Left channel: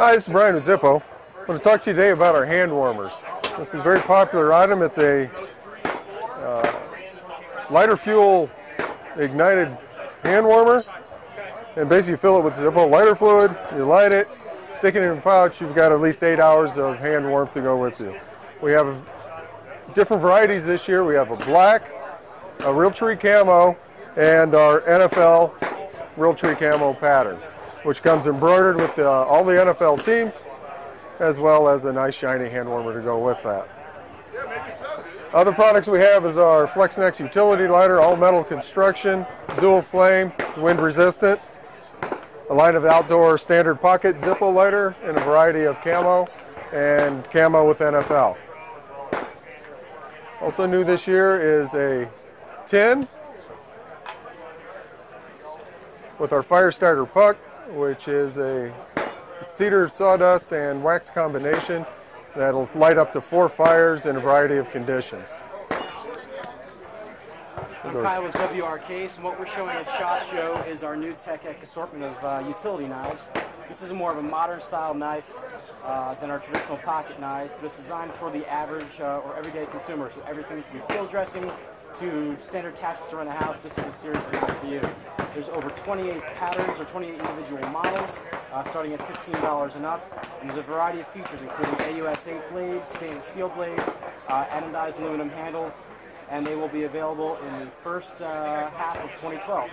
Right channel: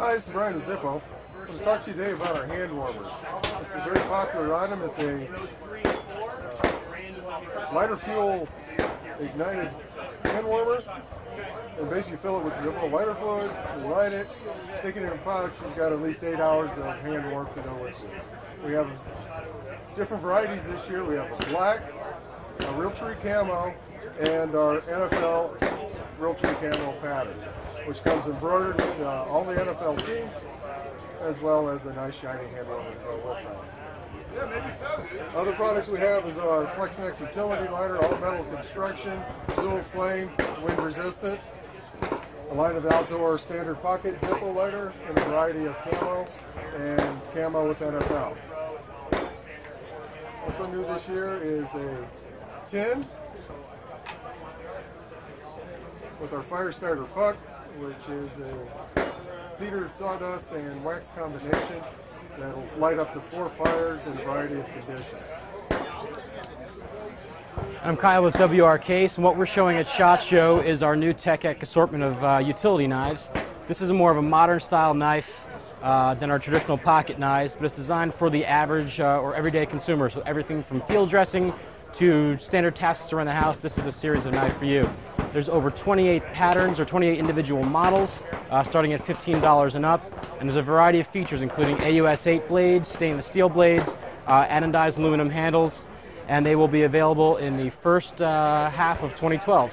Hi, this is Brian with Zippo. I want to talk to you today about our hand warmers. This is a very popular item. It's a lighter fuel ignited hand warmer. And basically you fill it with Zippo lighter fluid, you light it, stick it in a pouch, you've got at least 8 hours of hand warmth to go with you. We have different varieties this year. We have a black, a real tree camo, and our NFL real tree camo pattern, which comes embroidered with all the NFL teams, as well as a nice shiny hand warmer to go with that. Other products we have is our FlexNex utility lighter, all metal construction, dual flame, wind resistant, a line of outdoor standard pocket Zippo lighter in a variety of camo and camo with NFL. Also new this year is a tin with our fire starter puck, which is a cedar, sawdust, and wax combination that'll light up to 4 fires in a variety of conditions. I'm Kyle with WRCase, and what we're showing at SHOT Show is our new Tech Ec assortment of utility knives. This is more of a modern style knife than our traditional pocket knives, but it's designed for the average or everyday consumer. So everything from field dressing to standard tasks around the house, this is a series of knives for you. There's over 28 patterns or 28 individual models, starting at $15 and up. And there's a variety of features, including AUS 8 blades, stainless steel blades, anodized aluminum handles, and they will be available in the first half of 2012.